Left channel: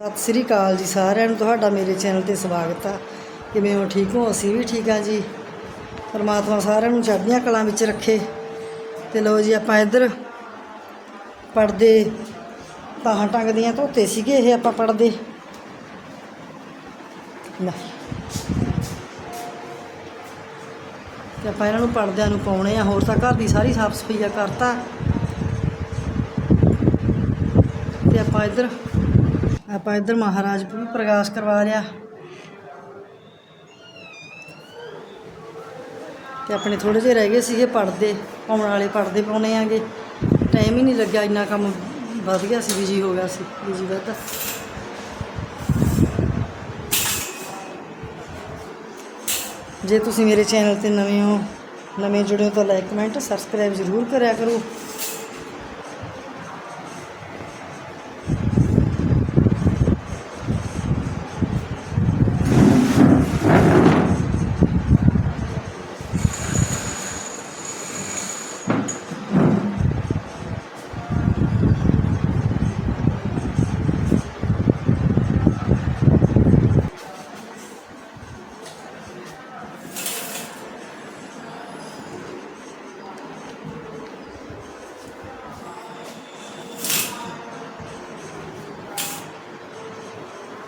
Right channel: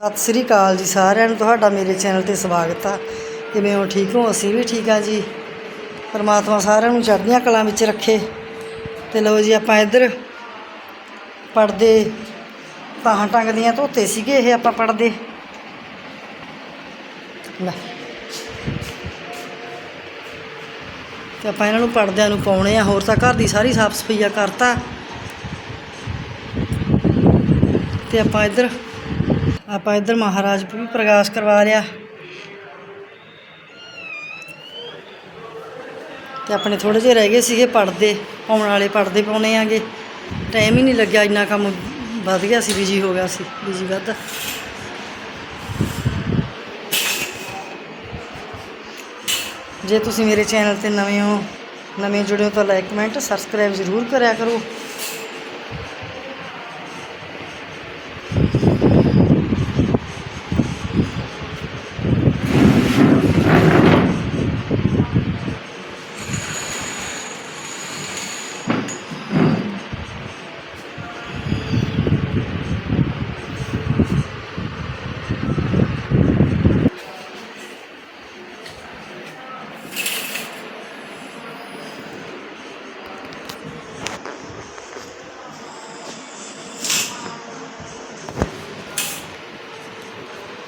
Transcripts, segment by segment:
ਸਤਿ ਸ੍ਰੀ ਅਕਾਲ ਜੀ ਸਾਰਿਆਂ ਨੂੰ, ਤੁਹਾਡਾ ਮੇਰੇ ਚੈਨਲ ਤੇ ਸਵਾਗਤ ਆ। ਕਿਵੇਂ ਹੋ? ਠੀਕ ਹੋ? ਅਸੀਂ ਵੀ ਠੀਕ ਆ ਜੀ। ਪਰਮਾਤਮਾ ਸਾਰਿਆਂ ਨੂੰ ਚੜ੍ਹਦੀਆਂ ਕਲਾਂ ਵਿੱਚ ਰੱਖੇ। ਤੇ ਲਓ ਜੀ, ਆਪਾਂ ਇੱਧਰ ਪੜਦੇ ਤਾਹਾਂ ਟੰਗ ਦੀਆਂ ਧੋਤੇ ਸੀਗੇ, ਇਹ ਆਪਾਂ ਪੜਦੇ ਲੈ। ਤੇ ਆਪਾਂ ਇਹਨਾਂ ਨੂੰ ਪੜਦਿਆਂ ਨੂੰ ਪਾਉਣੇ ਆ। ਹੋਰ ਤਾਂ ਘਰ ਦੀ ਸਾਰੀ ਸਾਫ਼ ਸਫਾਈਆ ਕਰਤਾ। ਤੇ ਆਪਾਂ ਇੱਧਰ ਆਪਾਂ ਇੱਧਰ ਮਹਾਰਾਜ ਵੀ ਪ੍ਰਕਾਸ਼ ਕਰਵਾ ਲਿਆ। ਤੇ ਆਪਣੇ ਥੋੜੇ ਜਿਹੇ ਰਹਿ ਗਏ ਸੀਗੇ ਪੜਦੇ ਪਾਉਣ ਵਾਲੇ ਪੜਦੇ ਪਾਉਣੇ ਆਗੇ। ਟਾਈਮ ਹੀ ਨਹੀਂ ਲੱਗਿਆ, ਇੰਨਾ ਕੰਮ ਵੱਧ ਗਿਆ ਸੀ ਬਿਜ਼ੀ ਹੋ ਗਿਆ ਸੀ ਬਿਜ਼ੀ ਵੱਧ। ਜੇ ਤੁਸੀਂ ਮੇਰੇ ਚੈਨਲ ਤੇ ਨਵੇਂ ਹੋ, ਨਵੇਂ ਜੁੜੇ ਹੋ ਤਾਂ ਲਾਈਕ ਕਮੈਂਟ ਸਬਸਕ੍ਰਾਈਬ ਜ਼ਰੂਰ ਕਰਿਆ ਕਰੋ।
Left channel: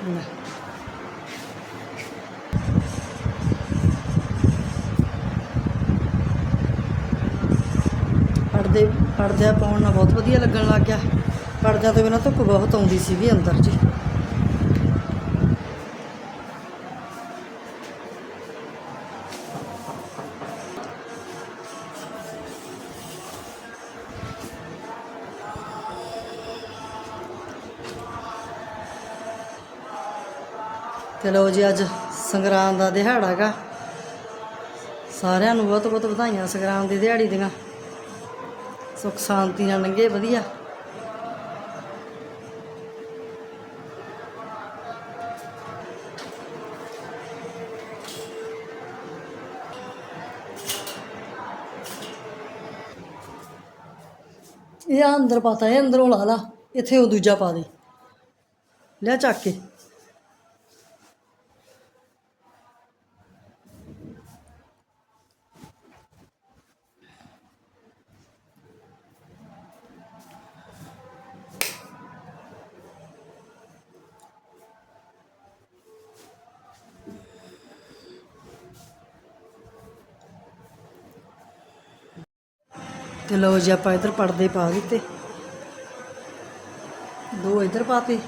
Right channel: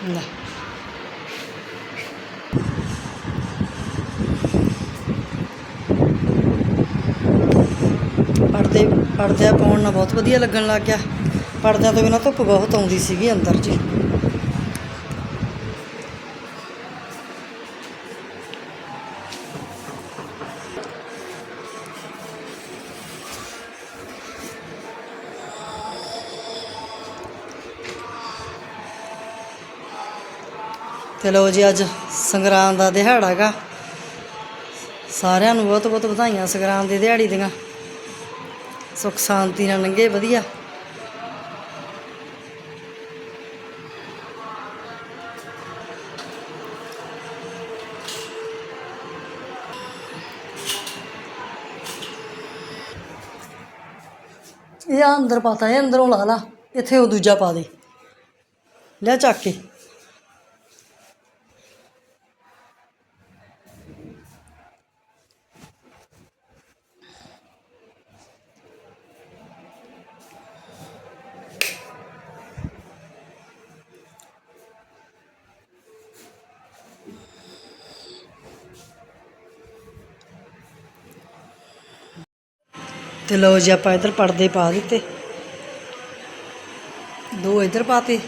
ਲੈ ਪਰਦੇ ਪਰਦਿਆਂ ਪਾਉਣ ਨਾਲ ਬਹੁਤ ਵਧੀਆ ਲੱਗਣ ਲੱਗ ਗਿਆ। ਪਰਦਿਆਂ ਤੋਂ ਬਿਨਾਂ ਧੁੱਪ ਬਹੁਤ ਆਉਂਦੀ ਸੀਗੀ ਅੰਦਰ ਜੀ। ਤੇ ਲਓ ਜੀ ਅੱਜ ਸੰਗਰਾਂਦ ਦਾ ਦਿਹਾੜਾ ਹੈਗਾ ਸਾਰਿਆਂ ਨੂੰ ਬਹੁਤ ਬਹੁਤ ਵਧਾਈਆਂ ਸੰਗਰਾਂਦ ਦੀ ਦਿਹਾੜੀ ਦੀਆਂ। ਸੁੱਖ ਸ਼ਾਂਤੀ ਨਾਲ ਲੰਘੇ, ਵਧੀਆ। ਇਹ ਆ ਅੰਦਰ ਪਾਤਾ ਇਹ ਅੰਦਰੋਂ ਲਾ ਲਾ, ਇੱਥੇ ਉਹ ਦੂਜਾ ਪਾ ਦੇ। ਲੈ ਚੱਕ ਕੇ। ਤੇ ਲਓ ਜੀ, ਆਪਾਂ ਇੱਧਰ ਪਰਦੇ ਪਾ ਦਿੱਤੇ। ਦੋ ਇੱਧਰ ਪਾਤੇ।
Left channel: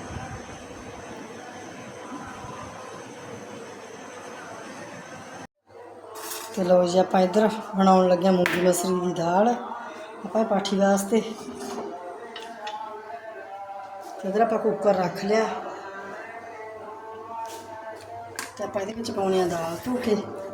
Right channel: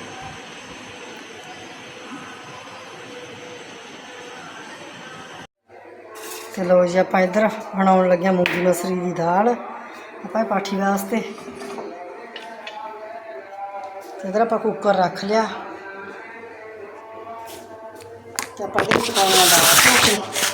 ਤੇ ਲਓ ਜੀ, ਆਪਾਂ ਇੱਧਰ ਬਣਾਉਣ ਲੱਗਿਆ ਮੂੰਗੀ ਮਸਰੀ ਦੀ ਦਾਲ। ਆਪਾਂ ਪਾਠੀ ਵਾਸਤੇ। ਤੇ ਇੱਧਰ ਆਪਾਂ ਕੁੱਕਰ ਰੱਖ ਲਿਆ। ਤੇ ਆਪਾਂ ਇਹਦੇ ਵਿੱਚ ਦਾਲ ਧੋ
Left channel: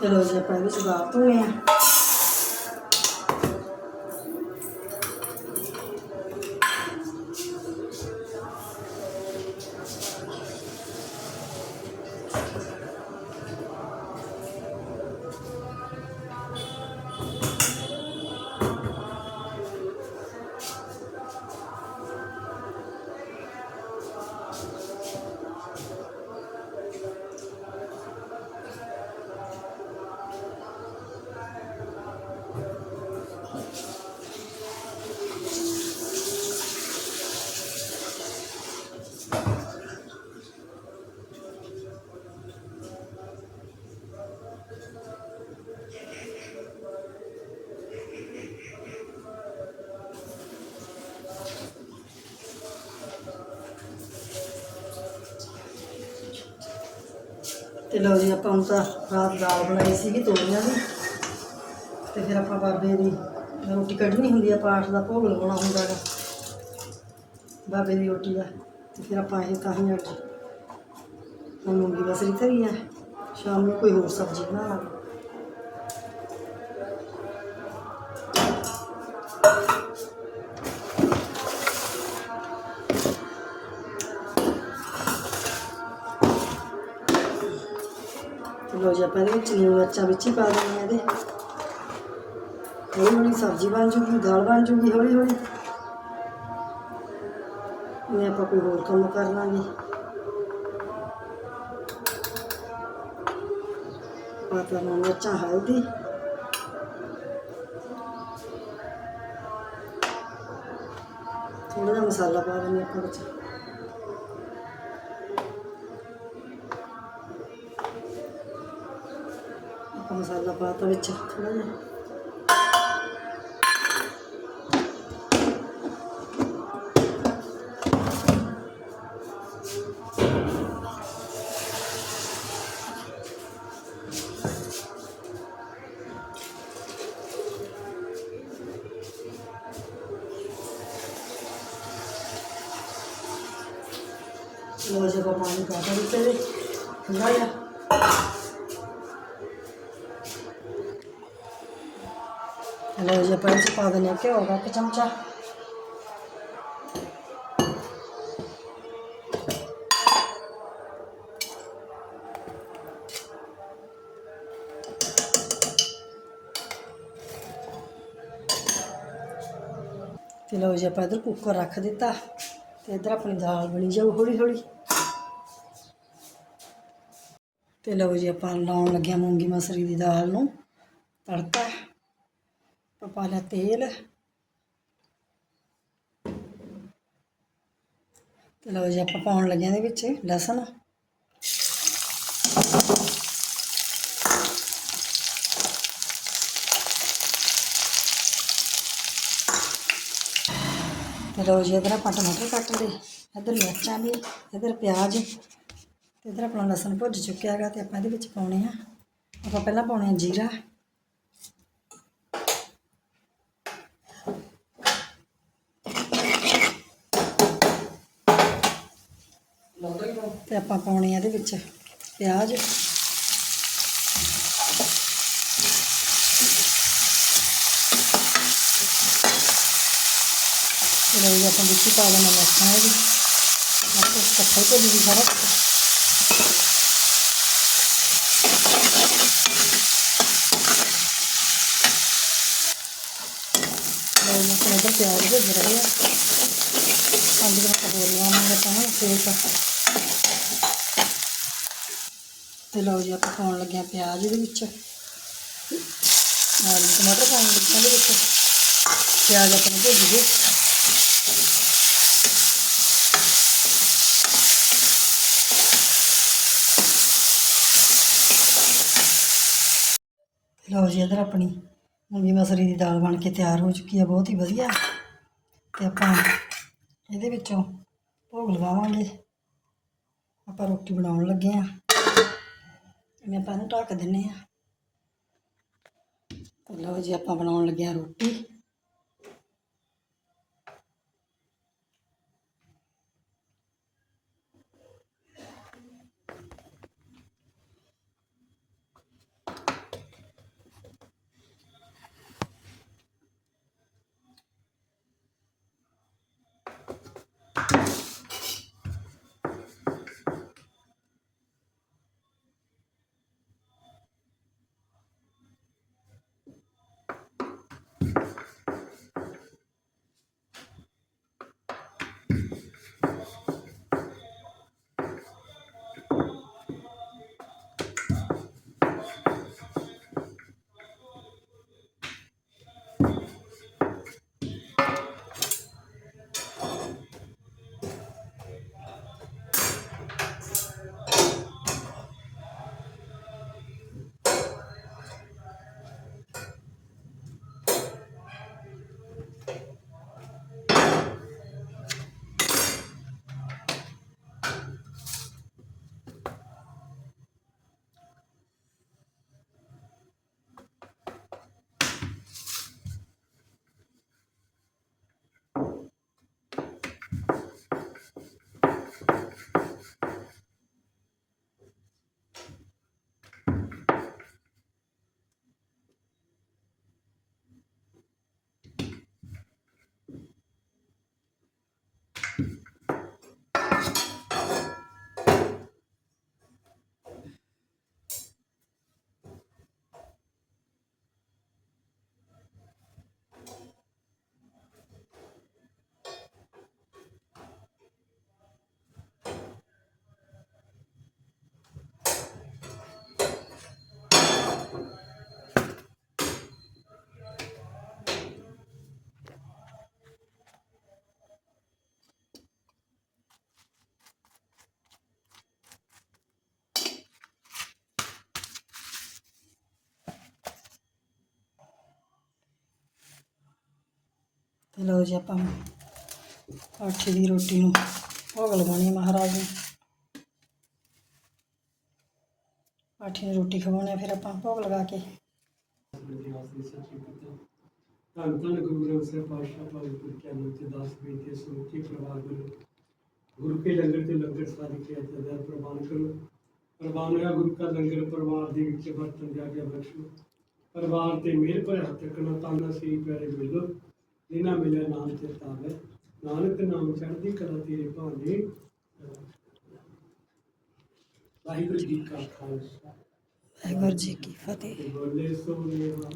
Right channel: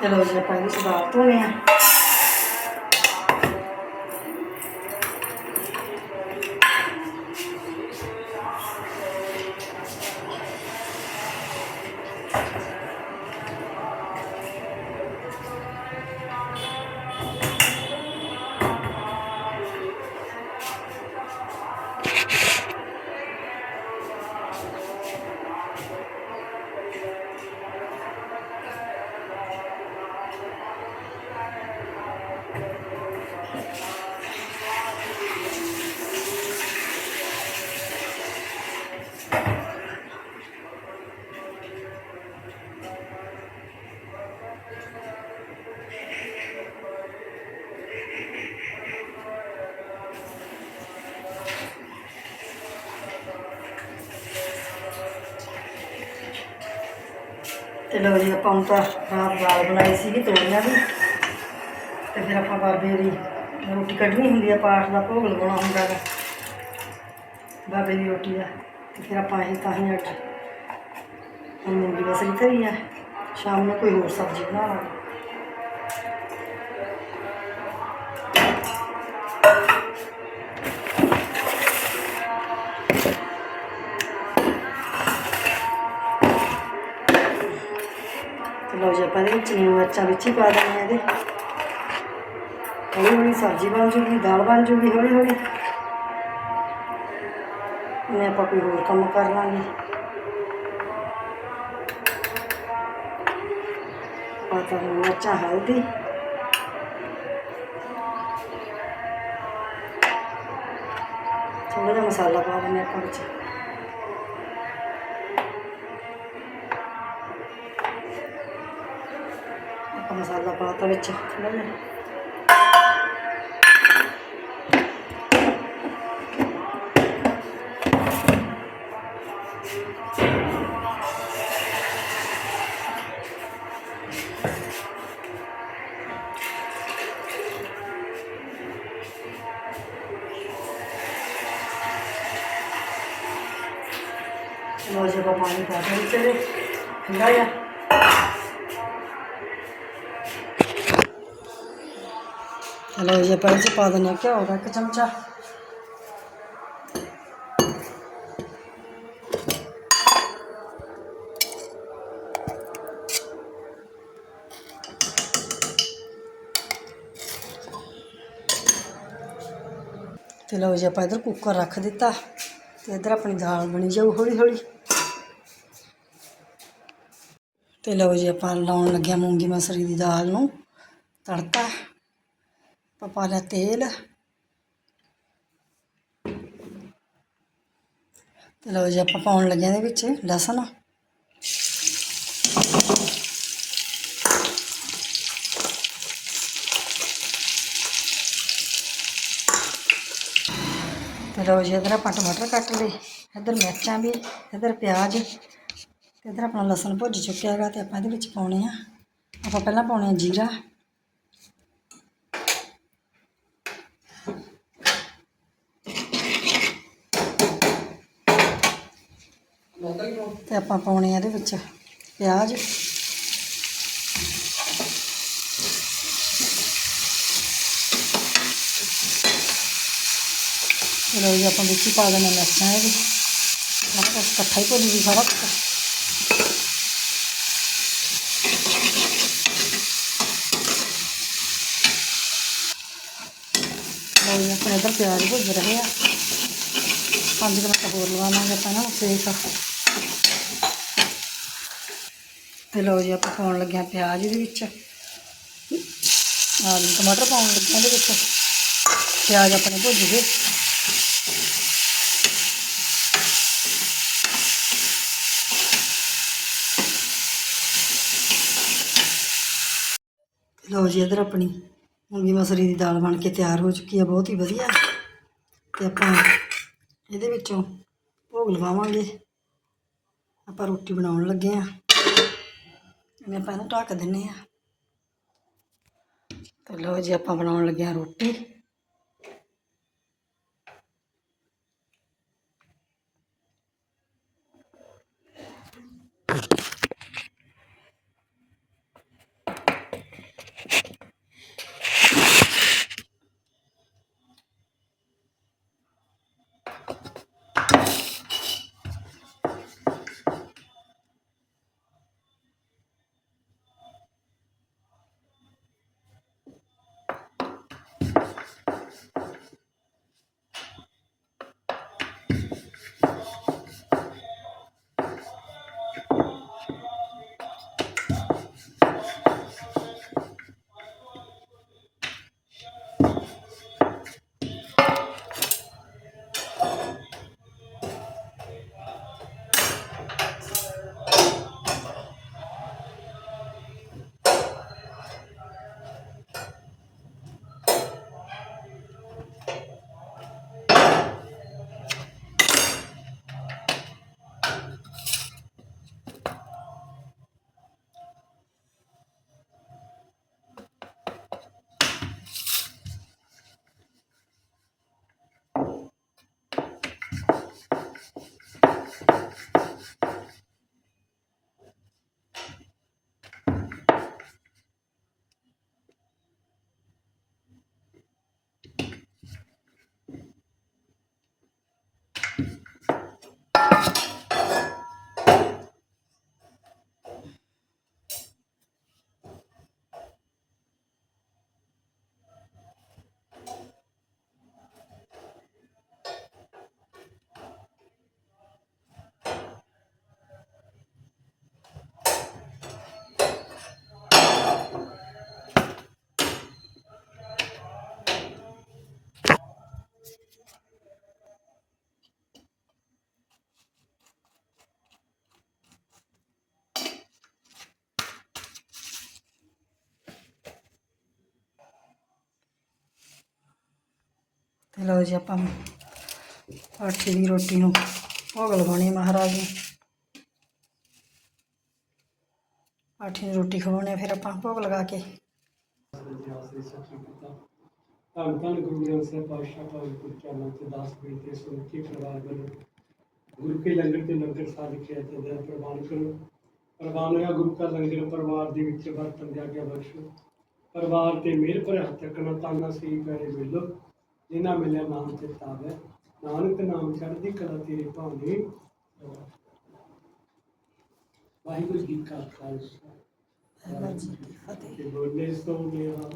ਤੇ ਲਓ ਆਪਾਂ ਇਹਦੇ ਵਿੱਚ ਦਾਲ ਆ। ਲੋ ਜੀ, ਆਪਾਂ ਨੂੰ ਤਾਂ ਰਾਤ ਦਾਲ ਬਣਾਈ ਸੀਗੀ, ਤੋੜੀਆਂ ਦੀ ਤੇ ਫਿਰ ਆਪਾਂ ਬਾਬੇ ਦੀ ਰੋਟੀ ਕੱਢਣੀ ਹੁੰਦੀ ਆ, ਪਾਠ ਦਾ ਭੋਗ ਲਗਾਉਣਾ ਹੁੰਦਾ ਹੈ ਬਾਬੇ ਦੀ ਰੋਟੀ ਦਾ। ਤੇ ਫਿਰ ਆਪਾਂ ਇਹ ਤਾਂ ਹੀ ਅੱਜ ਹੁਣ ਮੂੰਗੀ ਬਸਰੀ ਧਰੀ ਆ। ਸ਼ਾਮ ਨੂੰ ਕੋਈ ਹੋਰ ਸਬਜ਼ੀ ਬਣਾ ਲਾਂਗੇ। ਆਪਾਂ ਇਹਦੇ ਵਿੱਚ ਨੂੰ ਮਿਰਚਾਂ ਵਿੱਚ ਹੀ ਪਾ ਦੇਣੀਆਂ ਇਹਦੇ। ਹੌਲੀ ਹੌਲੀ ਸਬਜ਼ੀ ਬਣ ਜੂਗੀ, ਦਾਲ ਬਣ ਜੂਗੀ, ਹੌਲੀ ਹੌਲੀ। ਮੈਂ ਆਪਾਂ ਕੋਈ ਹੋਰ ਕੰਮ ਕਰ ਲਾਂਗੇ। ਪਾਤਾ ਨੂੰ ਮਿਰਚਾਂ ਹਲਦੀ। ਥੋੜਾ ਜਿਹਾ ਮਸਾਲਾ ਪਾ ਦਿੰਦੇ ਆਪਾਂ ਵਿੱਚ। ਆਪਾਂ ਮਸਾਲਾ ਪਾਤਾ ਵਿੱਚ ਥੋੜਾ ਜਿਹਾ ਲੋ ਜੇ ਆਪਾਂ ਪਾਣੀ ਪਾ ਦੇ ਵਿੱਚ ਇਹਦੇ ਚਲੋ ਜਿਹਾ ਲੋ ਜੀ ਆਪਾਂ ਇਹ 'ਚ ਪਾ ਦਿੰਦੇ ਹਾਂ ਘਿਓ ਦਾ ਇੱਕ ਚਮਚਾ। ਤੇ ਲਓ ਜੀ, ਆਪਾਂ ਇਧਰ ਕੁੱਕਰ ਰੱਖ ਦਿੱਤਾ ਤੇ ਇਧਰ ਆਪਣੀ ਦਾਲ ਬਣੀ ਜਾਊ ਹੌਲੀ ਹੌਲੀ ਤੇ ਲਓ ਜੀ, ਆਪਾਂ ਲਾਉਣ ਲੱਗਿਆ ਮੂੰਗੀ ਮਸਰੀ ਦੀ ਦਾਲ ਨੂੰ ਤੜਕਾ। ਪਾ ਲਿਆ ਤੇਲ। ਤੇ ਲਓ ਜੀ, ਆਪਾਂ ਪਾਉਣ ਲੱਗਿਆ ਇਹਦੇ ਵਿੱਚ ਲਸਣ। ਤੇ ਲਓ ਜੀ, ਇਧਰ ਆਪਾਂ ਟਮਾਟਰ ਕੱਟ ਲਏ। ਇਧਰ ਮਿਰਚਾਂ ਵੀ, ਇਧਰ ਪਿਆਜ਼, ਤੇ ਇਧਰ ਆਪਣਾ ਲਸਣ ਭੁੱਜ ਚੁੱਕਿਆ ਹੈਗਾ ਤੇ ਆਪਾਂ ਇਹਦੇ ਵਿੱਚ ਪਾਉਣੇ ਆ। ਆਪਾਂ ਪਹਿਲਾਂ ਪਾਉਣੇ ਆ ਜੀਰਾ। ਤੇ ਆਪਾਂ ਪਾਉਣੇ ਆ ਇਹਦੇ ਵਿੱਚ ਪਿਆਜ਼। ਤੇ ਜੀ, ਆਪਾਂ ਵਿੱਚ ਪਾ ਦੇਣਾ ਮਿਰਚਾਂ ਇਹ ਵੀ ਆਪਾਂ ਇਕੱਠਾ ਹੀ ਭੁੱਜ ਜੂ ਸਾਰਾ। ਕੁਛ ਜੀ ਆਪਣੇ ਇੱਧਰ ਪਿਆਜ਼ ਭੁੱਜ ਰਹੇ ਆ। ਪੰਜ ਮਿੰਟ ਹੋਰ ਲਵਾਵਾਂਗੇ ਆਪਾਂ ਨਾ ਸੇਕ ਤੇ ਲਓ ਜੀ, ਆਪਾਂ ਪਾਉਣ ਲੱਗੇ ਆ ਪਿਆਜ਼ ਇਹਦੇ ਵਿੱਚ। ਆਲੂ ਟਮਾਟਰ ਪਾਉਣ ਲੱਗੇ ਇਹਦੇ ਵਿੱਚ। ਪਿਆਜ਼ ਆਪਣੇ ਭੁੱਜ ਗਏ ਲਓ ਜੀ, ਇਧਰ ਆਪਣੀ ਮੂੰਗੀ ਮਸਰੀ ਦੀ ਦਾਲ ਬਣ ਕੇ ਤਿਆਰ ਹੋ ਚੁੱਕੀ ਆ, ਬਹੁਤ ਹੀ ਵਧੀਆ। ਤੇ ਆਪਾਂ ਇਹਦੇ ਵਿੱਚੋਂ ਭੋਗ ਲਵਾਵਾਂਗੇ। ਆਪਾਂ ਰੋਟੀ ਬਣਾਉਣ ਲੱਗੇ ਆ ਮੈਂ ਆਪਾਂ ਇਹਨੂੰ ਢੱਕ ਦਿੰਨੇ ਆ। ਤੇ ਲਓ ਜੀ ਆਪਾਂ ਬਣਾਉਣ ਲੱਗਿਆ ਰੋਟੀ। ਰੋਟੀ ਲਓ ਜੀ ਆਪਾਂ ਆਟੇ ਦੀ ਰੋਟੀ ਨੂੰ ਭੋਗ ਲਗਾਉਣੀ ਹੈ ਮਹਾਰਾਜ ਨੂੰ। ਆਟੇ ਦੀ ਰੋਟੀ ਖਵਾਉਣੀ ਹੈ ਫਿਰ ਆਪਾਂ ਭੋਗ ਲਗਾ ਕੇ। ਇਤਿਹਾਸ ਦੀ ਸੱਚੀ ਕਥਾ ਧੰਨ ਧੰਨ ਗੁਰੂ ਗ੍ਰੰਥ ਸਾਹਿਬ, ਪਾਤਸ਼ਾਹ ਭਾਵੇਂ ਗੁਰ ਕੇ ਨਾਮ ਤੇ ਦਾਸ ਬੇਨਤੀ ਸੁਣਤੀ ਪਰਿਵਾਰ ਵੱਲੋਂ ਗੁਰੂ ਕੇ ਲੰਗਰ ਤੇ ਲੰਗਰ ਸਾਧ ਕੇ ਅਤੇ ਦਾ ਪ੍ਰਵਾਨ ਕਰੋ। ਪ੍ਰਵਾਨ ਹੋਇਆ ਗੁਰੂ ਕਾ ਲੰਗਰ, ਪਰਿਵਾਰ ਦੇ ਵਿੱਚ ਵਰਤਨ ਦਿਆ ਗਿਆ ਬਖਸ਼ੋ। ਪਰਿਵਾਰ ਤੇ ਮਿਹਰ ਭਰਿਆ ਹੱਥ ਤੱਕਣਾ ਤਾਨਾ ਸੀ ਪੈਰੇ ਮਿਲੋ ਜਿਨ੍ਹਾਂ ਮਿਲਿਆ ਨਾਮ ਤੇ ਤਾਵੇ। ਨਾਨਕ ਨਾਮ ਚੜ੍ਹਦੀ ਕਲਾ ਤੇਰੇ ਭਾਣੇ ਵਾਹਿਗੁਰੂ ਜੀ ਕਾ ਖਾਲਸਾ। ਵਾਹਿਗੁਰੂ ਜੀ ਕੀ ਫਤਿਹ। ਬੋਲੇ ਸੋ ਦੇਵਾ।